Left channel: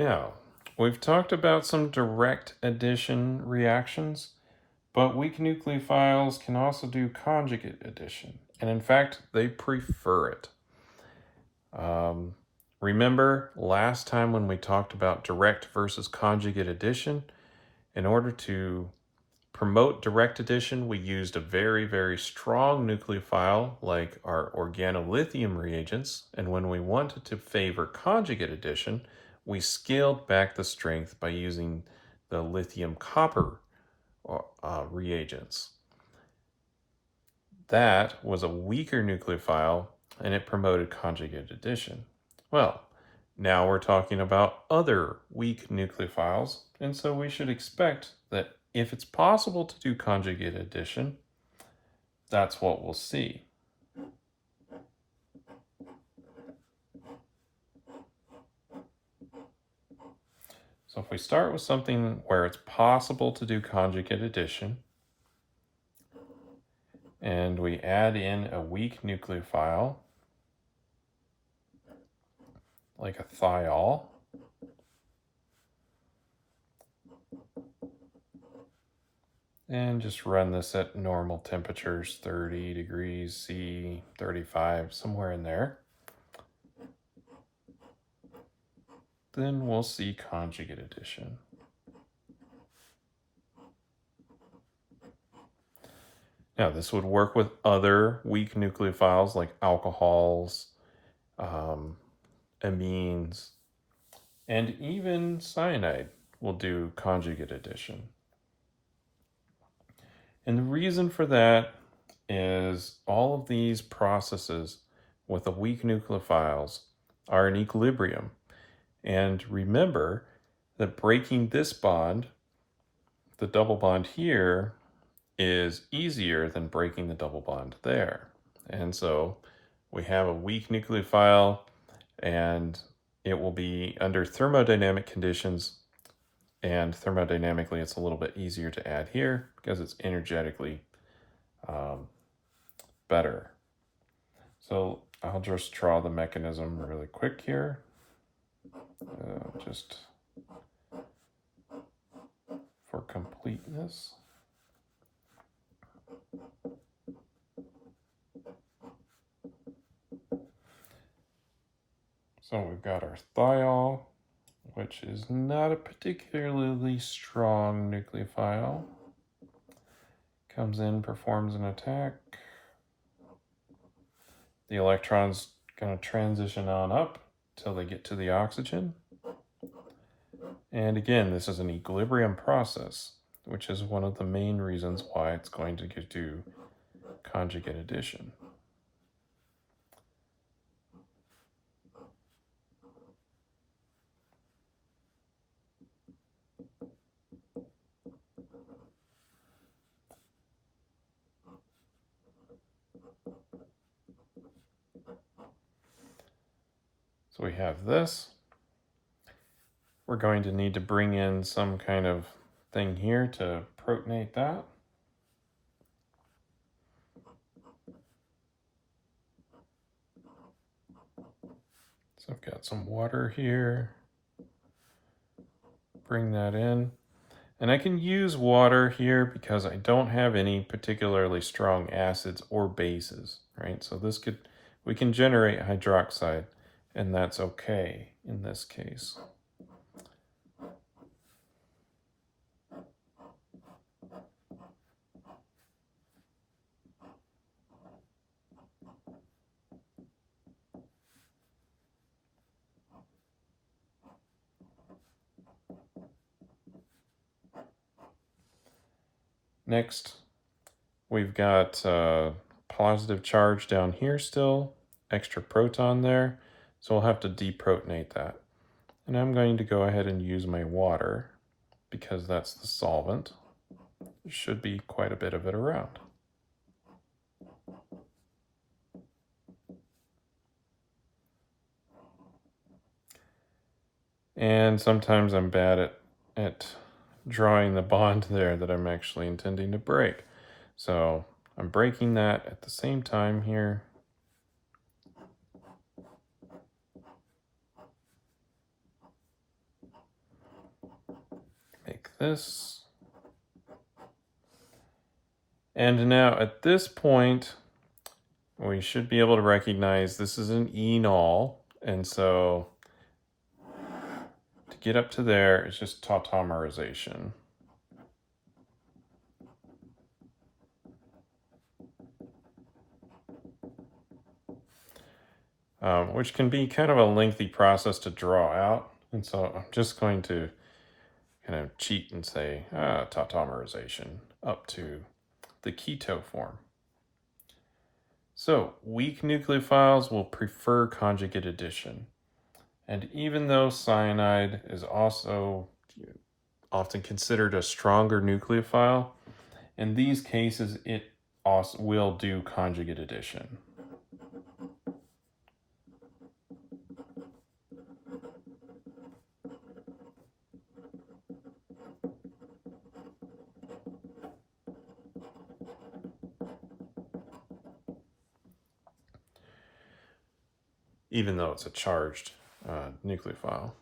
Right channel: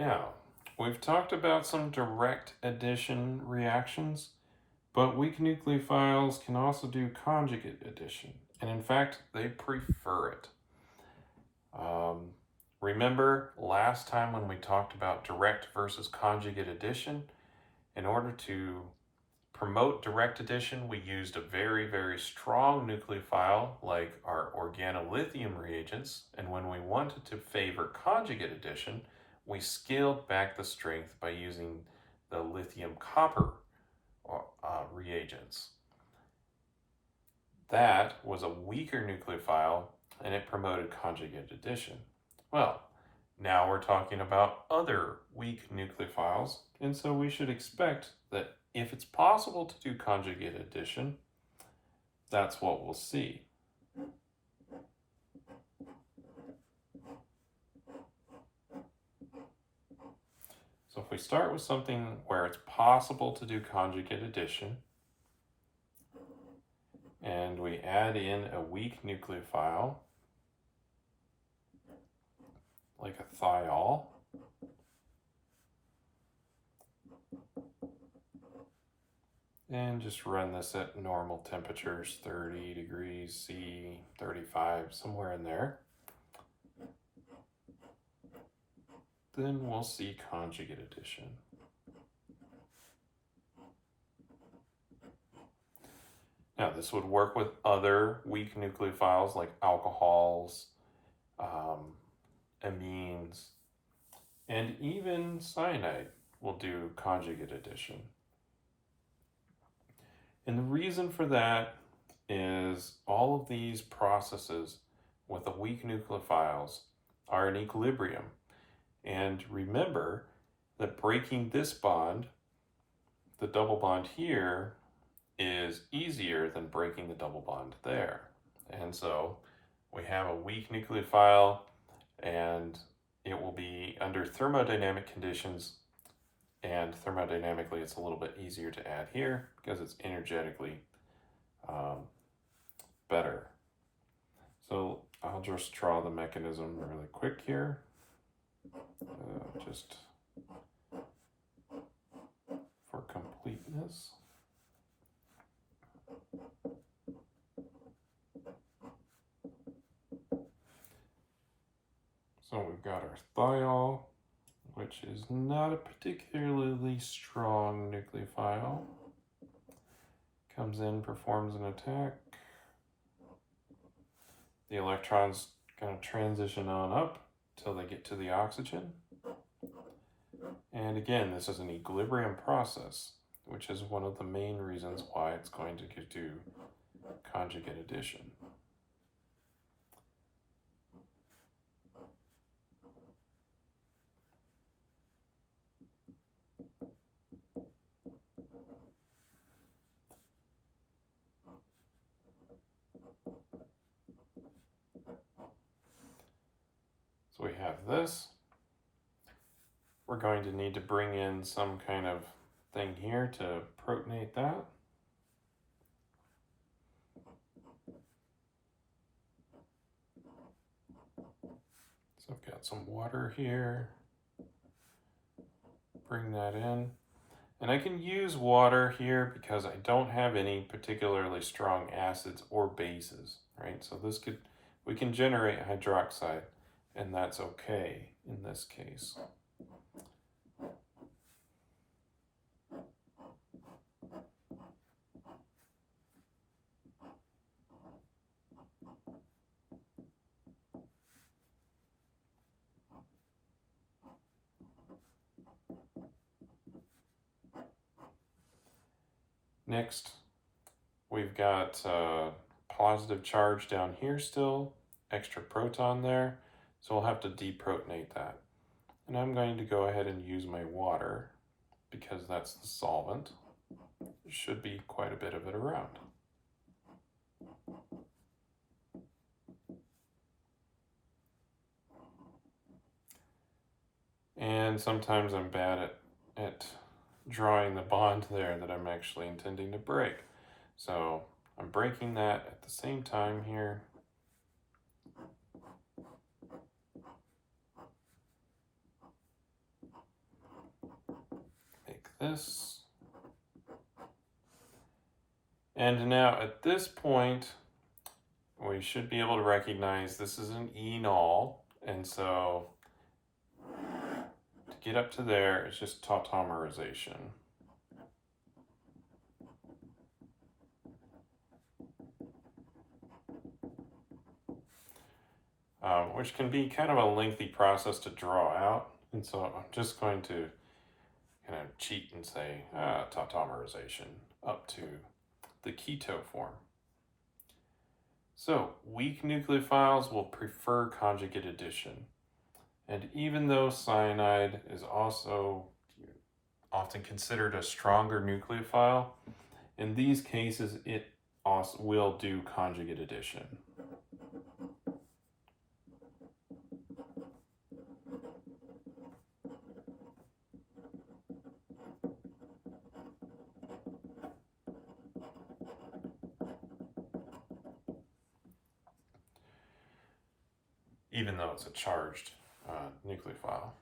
Now, we've talked about some direct addition reactions, but weak nucleophiles can also do conjugate addition. And in fact, they prefer it. Remember last time when we talked about direct versus conjugate addition? In order to promote direct addition, we used a very, very strong nucleophile like our organolithium reagents. And when we wanted to favor conjugate addition, we scaled back the strength by using the lithium copper reagents. That was a weaker nucleophile and it promoted conjugate addition. Well, now we're talking about other weak nucleophiles, and so we should expect that if it's possible to do conjugate addition, that's what we'll see. So if we start with something where it's possible to do conjugate addition, and we add in a weak nucleophile, like a thiol, and just run this at normal temperatures, 30 degrees C, 35, somewhere in there. Then we'll see conjugate addition. Now this would work with other weak nucleophiles like alcohols, amines, and even cyanide will do conjugate addition. And the reason for that is all of these processes with the weak nucleophiles are in equilibrium. And remember that breaking this bond, the double bond here, is easier than breaking the double bond there. And so we have a weak nucleophile and it will be under thermodynamic conditions, and thermodynamically it's a little bit easier to add here because it's energetically better. So I'll just draw the mechanism really quick here. Just for completeness. So we've got our thiol, which is not a particularly strong nucleophile. Comes in, performs an attack. The electron's going to transition on up till they get to the oxygen. And again, this is an equilibrium process, which is one of the main reasons why it's going to do conjugate addition. So we have this. We're going to need to bring in some kind of thing here to protonate that. So I've got some water here. Bring that in. And I can use water here because I don't have any particularly strong acids or bases, right? So we can generate hydroxide, and that's okay in this case. Next, we've got positive charge down here still, extra proton there, so we'll have to deprotonate that. And I'm going to go ahead and use my water because that's the solvent. There should be quite a bit of it around. And sometimes I'm bad at drawing the bond there that I'm actually intending to break. So I'm breaking that at the same time here. this. And now at this point, we should be able to recognize this is an enol. And so to get up to there, it's just tautomerization. Which can be kind of a lengthy process to draw out. And so I'm just going to kind of cheat and say tautomerization up to the keto form. So weak nucleophiles will prefer conjugate addition. And even though cyanide is also often considered a stronger nucleophile, in these cases it also will do conjugate addition. Even though it's a charged nucleophile.